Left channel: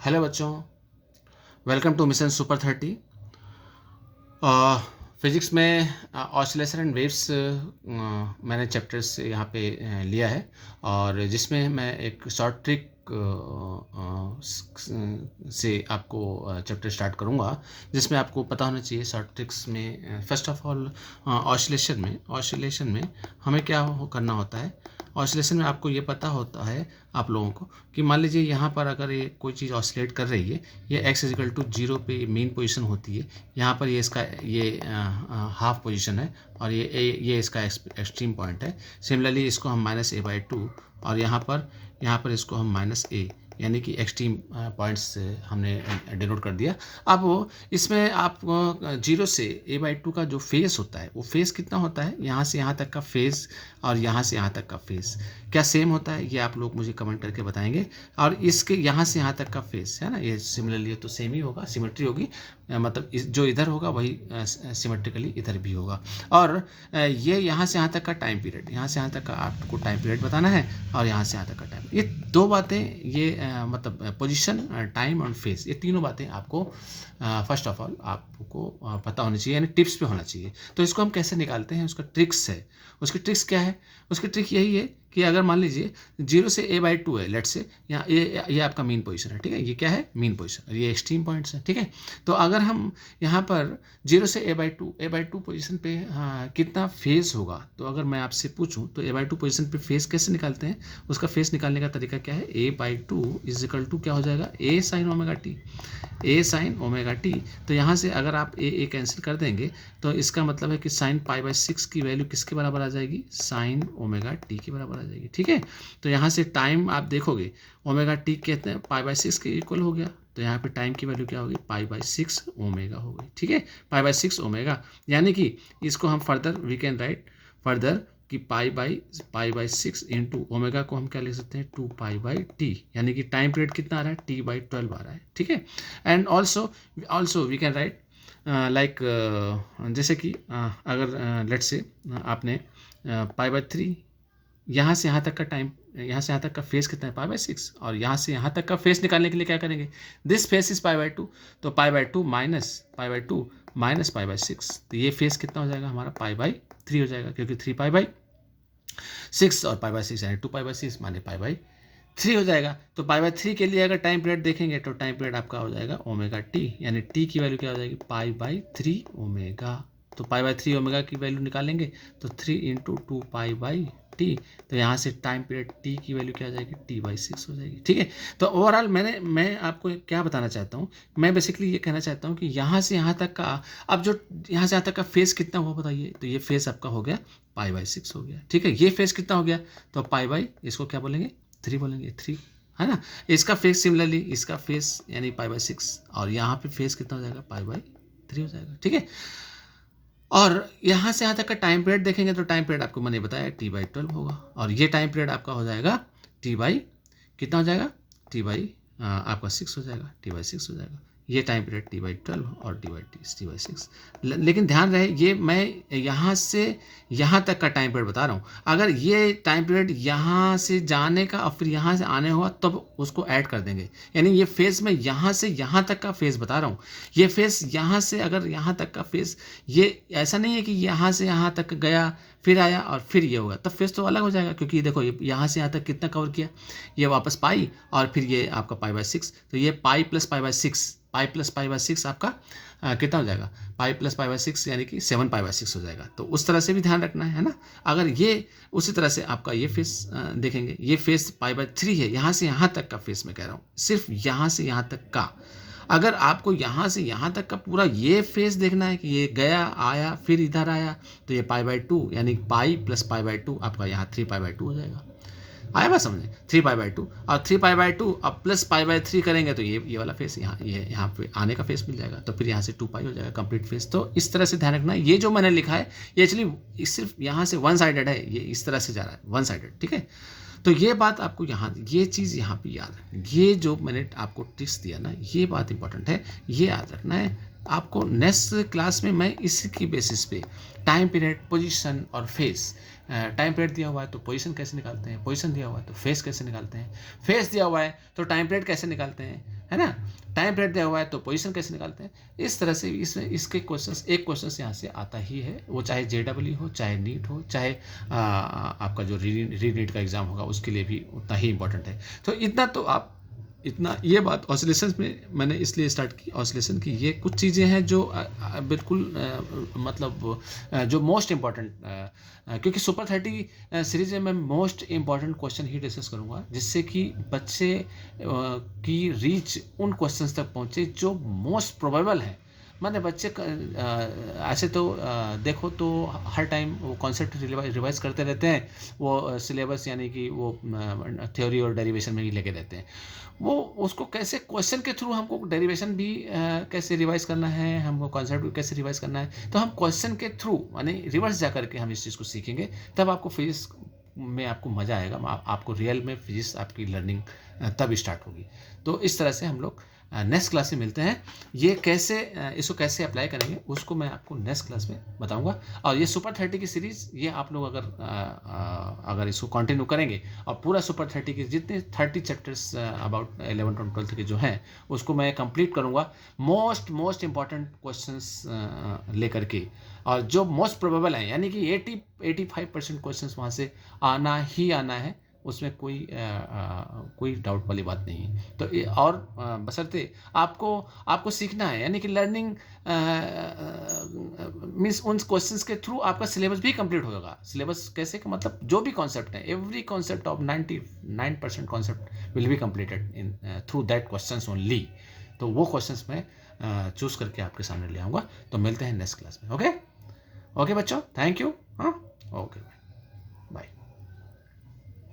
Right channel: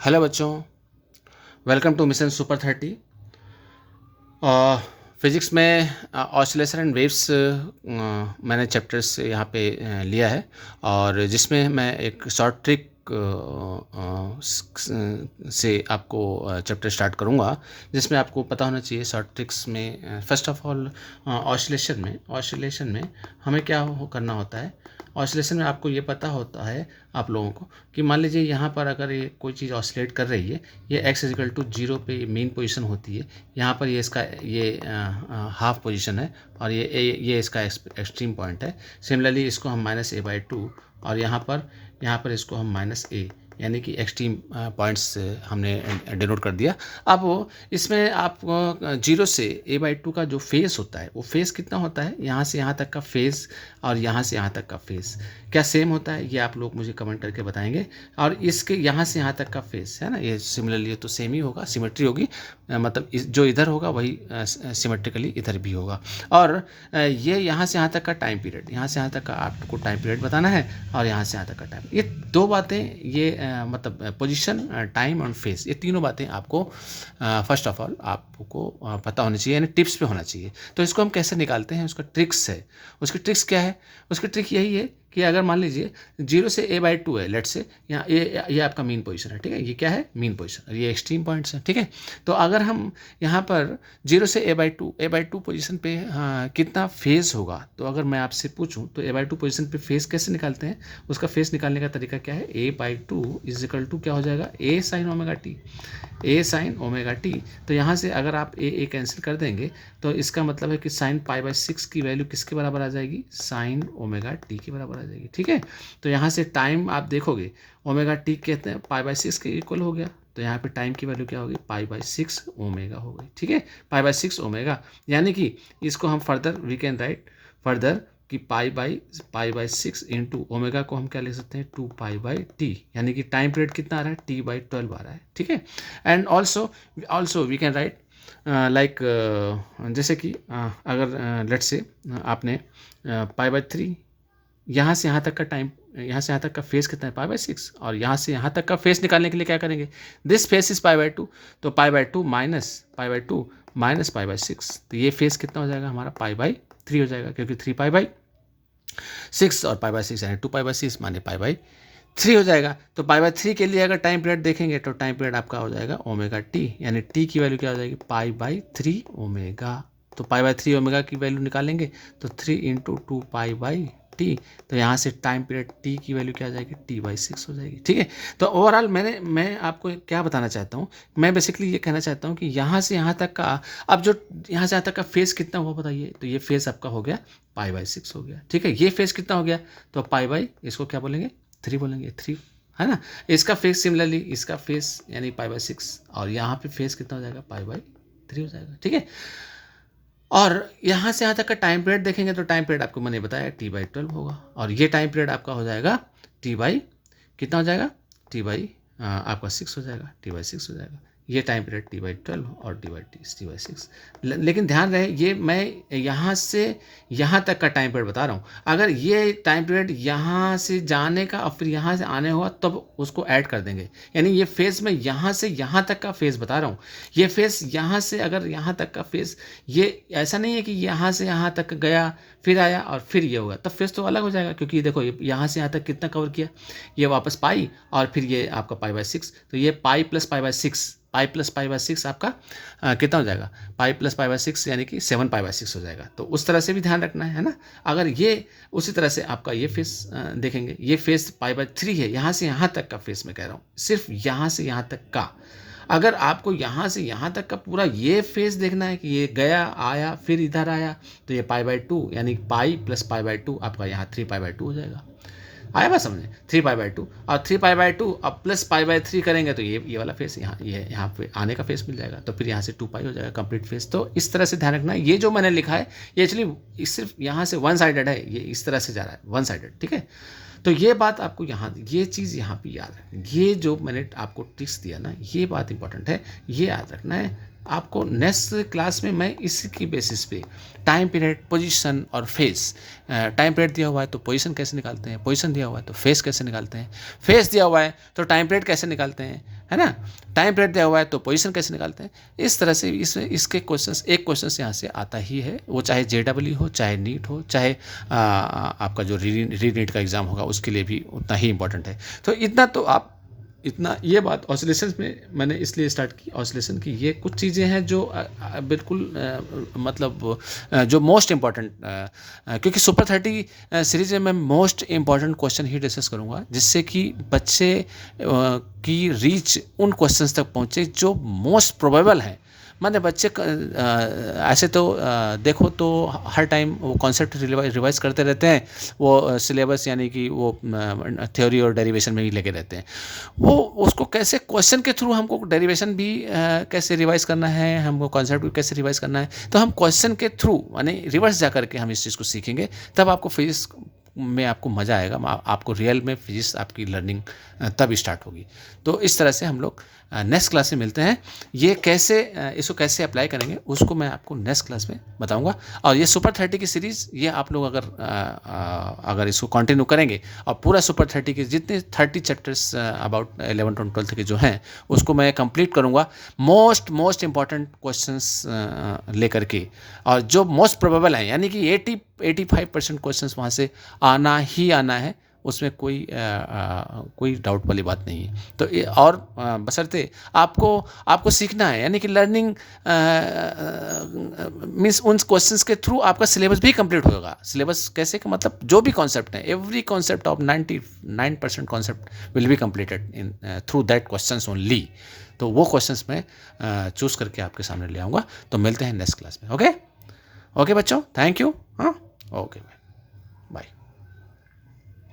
Hello बच्चों, welcome to mission super 30। Physics में oscillation and waves मैंने चैप्टर्स यहाँ पे लिया है और जिसमें मैं एक शॉर्ट ट्रिक से आपको चैप्टर स्टार्ट करूँगा, जिसमें आपको पता होना चाहिए शॉर्ट ट्रिक्स में। फर्स्ट ऑफ ऑल ऑसिलेशन में हमें क्या करना होता है। ऑसिलेशन में आपको ये पता होता है आप लोगों को कि मान लीजिए यहाँ पर अगर ये कोई चीज़ ऑसिलेट कर रही है, ये x इजिकल टू 0 पे मेन पोजीशन होती है। यहाँ पर ये इसका ये हाफ पोजीशन है और ये इसका एक्सट्रीम पॉइंट है। सिमिलरली इसको हम -a/2 और यहाँ पर इसको हम -a यानी कि एक्सट्रीम पॉइंट्स हमने डिनोट कर दिया। अब इसमें आप 0 से a/2 का जो फेस होता है वो फेस कितना होता है, यहाँ से यहाँ तक का फेस और यहाँ से यहाँ तक का फेस क्या सेम होता है, ये आप लोग मुझे कमेंट करके बताएंगे। और इसके यहाँ से यहाँ तक का फेस है ना, ये सिमिलरली तो सेम ही होगा, सिमेट्री होगी। मतलब जो इधर होगा वही सिमेट्रिकली इधर भी होगा। और ये यहाँ से यहाँ तक का टाइम पीरियड, यहाँ से यहाँ तक का आपको टाइम पीरियड बताना है और यहाँ से यहाँ तक का टाइम, ये दो बातें, ये मतलब पोजीशन, टाइम और फेस, ये तीनों बातें आपको फर्स्ट ऑफ ऑल आपको पता होनी चाहिए, यानी टिप्स पे होना चाहिए। तो इसको हम कैसे निकालते हैं, उसका ट्रिक्स है। उसकी ट्रिक्स क्या है? उसकी ट्रिक यही है कि अगर मान लीजिए 0 से a/2 है, लेट से यहाँ ये आपका मेन पोजीशन है, ठीक है, ये क्या है, मेन पोजीशन, ये एक्सट्रीम पॉइंट्स है, ठीक है। तो अगर हम यहाँ पर 0 से a/2 पोजीशन पे कितना फेज होगा, तो अगर मैं आपसे पूछूं तो a/2 पोजीशन पे फेज कैसे निकालते हैं, उसका फेज निकालने का तरीका क्या है, a/2 इज इक्वल टू क्या हो जाएगा, a sin omega T, a sin omega T. तो यहाँ से अगर आप a कैंसिल कर देंगे तो इसका मतलब है कि sin π/6 की वैल्यू किसके बराबर आ जाएगी, sin ओमेगा टी के बराबर आ जाएगी, ठीक है। तो यहाँ से टाइम आप देखोगे ओमेगा टी कहते हैं π/6 के इक्वल हो गया, तो यहाँ पे टाइम की वैल्यू क्या होगी, π/6 ओमेगा हो गई, ठीक है, π/6 ओमेगा। यानी कि इसको हम further we can write further कि π/6 इंटू ओमेगा को हम क्या लिख सकते हैं, 2π/t, यानी कि टाइम पीरियड कितना आ रहा है, t/12 आ रहा है, ठीक है। And also we can write like जैसे कि अगर लेट्स से आपने π/3, यहाँ से यहाँ तक का टाइम, यहाँ से यहाँ तक का फेस कितना है, π/6, और यहाँ से यहाँ तक का फेस निकालने के लिए क्या करेंगे, दिस फेस इज π/2, तो π/2 माइनस π/6, तो ये फेस कितना हो जाएगा हमारा, π/3 हो जाएगा, क्योंकि 3π/6 और π/6 यानी 2π/6 माने π/3 हो जाएगा। तो π/3 के लिए अगर टाइम पीरियड देखेंगे तो टाइम पीरियड आपका हो जाएगा ओमेगा टी, यानी टी की वैल्यू क्या हो जाएगी, π/3 ओमेगा। तो π/3 ओमेगा की वैल्यू निकालेंगे तो 3 इंटू 2π/t, तो यहाँ से टाइम पीरियड t की वैल्यू क्या आ जाएगी, t/6 हो जाएगी, ठीक है। तो ओवरऑल मैं आपको क्या बताना चाहता हूँ, मैं बेसिकली ये कहना चाहता हूँ कि यहाँ से यहाँ तक का, अब जो यहाँ से यहाँ तक का फेस कितना हुआ बताइए, तो ये फेस आपका हो गया π/6 हो गया, ठीक है। ये फेस कितना हो गया, तो इसको क्या बोलेंगे, 3 बोलेंगे, 3 है ना। इसका फेस सिमिलरली इसका फेस यानी π/6, और यहाँ पे फेस कितना हो जाएगा, π/3 हो जाएगा, ठीक है। और यहाँ से यहाँ तक का टाइम पीरियड देखेंगे तो टाइम पीरियड आपको मैंने बताया t/12 होगा, और ये टाइम पीरियड आपका हो जाएगा कितना हो जाएगा, आपका 6 हो जाएगा, t/6 हो जाएगा। ये टाइम पीरियड t/12 और t/6। लेकिन ध्यान रहे, ये मैं यहाँ से यहाँ तक का टाइम पीरियड बता रहा हूँ। अगर ये टाइम पीरियड यहाँ से जाने का और फिर यहाँ से आने हुआ तब उसको ऐड कर देंगे, यानी ये फेज़ मैं यहाँ से यहाँ तक का फेज़ बता रहा हूँ। ये फेज़ यहाँ से अगर यहाँ तक का फेज़, ये ऐसा नहीं है कि यहाँ से यहाँ तक गया फिर आया और फिर ये होगा, तब फेस तो अलग हो जाएगा, क्योंकि देखो ये यहाँ से यहाँ तक कितना कवर किया, ये वापस पाई और फिर ये आपका π/6, तो ये पाई प्लस π/6 आपका कितना हो जाएगा, पाई प्लस π/6 यानी कि 7π/6 हो जाएगा। तो उस तरह से भी ध्यान रखना है ना। अगर ये उसी तरह से आपका ये फेस देखेंगे, ये फेस π/3 है, यहाँ से यहाँ तक का फेस मैं कह रहा हूँ, सिर्फ यहाँ से यहाँ तक का। अगर आपको यहाँ से यहाँ तक का पूरा ये फेस देखना है कि ये गया आया फिर इधर आया, तो ये π/2 यानी पाई प्लस π/2 आपका यहाँ 3π/2 हो जाएगा। आया बात समझे, 3π/2 और 3π/2 अब प्लस π/3 करेंगे तो ये वाला फेस यहाँ पे आने का फेस मिल जाएगा, तो फिर यहाँ से 2π हो जाएगा कंप्लीट फेस। तो इस तरह से ध्यान रखना है, ये जो मैंने लिखा है ये एक्चुअली सिर्फ यहाँ से वन साइडेड है, ये इस तरह से जा रहा है वन साइडेड, ठीक है। तो ये बात आपको यहाँ, ये चीज़ यहाँ पे याद है, ये जो मैंने आपको ट्रिक्स दिया ना, ये बात इंपॉर्टेंट है, ये याद रखना है आपको। नेक्स्ट क्लास में मैं इसकी बेसिस पे टाइम पीरियड, पोजीशन और फेस, टाइम पीरियड दिया हुआ है तो पोजीशन कैसे निकालते हैं, पोजीशन दिया हुआ है तो फेस कैसे निकालते हैं, फेस दिया हुआ है तो टाइम पीरियड कैसे निकालते हैं, है ना। टाइम पीरियड दिया हुआ है तो पोजीशन कैसे निकालते हैं। इस तरह से इसके क्वेश्चंस, एक क्वेश्चंस यहाँ से आता ही है, वो चाहे JEE हो, चाहे नीट हो, चाहे आपका जो री नीट का एग्ज़ाम होगा उसके लिए भी उतना ही इंपॉर्टेंट है। तो इतना तो आप, इतना ये बात ऑसिलेशंस में मैंने इसलिए स्टार्ट की, ऑसिलेशन की ये कुछ चीज़ें हैं जो बिल्कुल मतलब जो मोस्ट इम्पॉर्टेंट, क्योंकि सुपर 30 सीरीज में मैं मोस्ट इम्पॉर्टेंट क्वेश्चन ही डिस्कस करूँगा, जिससे कि बच्चे की रीच उन क्वेश्चंस तक पहुँचे जो मोस्ट प्रोबेबल हैं। माने बच्चे ऐसे तो देखो तो हर टाइम वो कॉन्सेप्ट रिवाइज करते रहते हैं, वो सिलेबस यानी कि वो थ्योरी और डेरिवेशन में ही लगे रहते हैं। वो उसको कैसे क्वेश्चन के थ्रू हमको डेरिवेशन भी कैसे रिवाइज करना है, हमको कॉन्सेप्ट भी कैसे रिवाइज करना है, तो हम क्वेश्चन के थ्रू यानी रिवर्स जा करके हम इस चीज़ को सीखेंगे, तब आपको फिजिक्स में आपको मज़ा आएगा, आपको रियल में फिजिक्स आपकी लर्निंग तब स्टार्ट होगी। तो इस तरह से हम लोग नेक्स्ट क्लास में मिलते हैं। ये कैसे इसको कैसे अप्लाई करेंगे उसको मैं आपको नेक्स्ट क्लास में बताऊंगा। और ये सुपर 30 की सीरीज़, ये आप लोग अगर इसको कंटिन्यू करेंगे और पूरा सुपर 30 के जितने 30 चैप्टर्स अबाउट 11 to 12 के जो हैं उसको मैं कंप्लीट करूंगा, मोस्ट इंपॉर्टेंट क्वेश्चंस लेकर के, और जो मोस्ट प्रोबेबल हैं यानी कि 85% क्वेश्चंस वहाँ से आना ही आना है, उसमें कोई डाउट वाली बात नहीं है। तो और बशर्ते आपको सीखना है, यानी कि लर्निंग मीन्स उन क्वेश्चंस के थ्रू आपका सिलेबस भी कंप्लीट होगा। सिलेबस कैसे कि मतलब जो भी कॉन्सेप्ट है, every concept of 99% concept will be completed in through that questions only. तो वो क्वेश्चंस मैं चूज़ करके आपके सामने ले आऊँगा। तो मिलते हैं नेक्स्ट क्लास में। ओके बच्चों, थैंक यू। हाँ, ओके।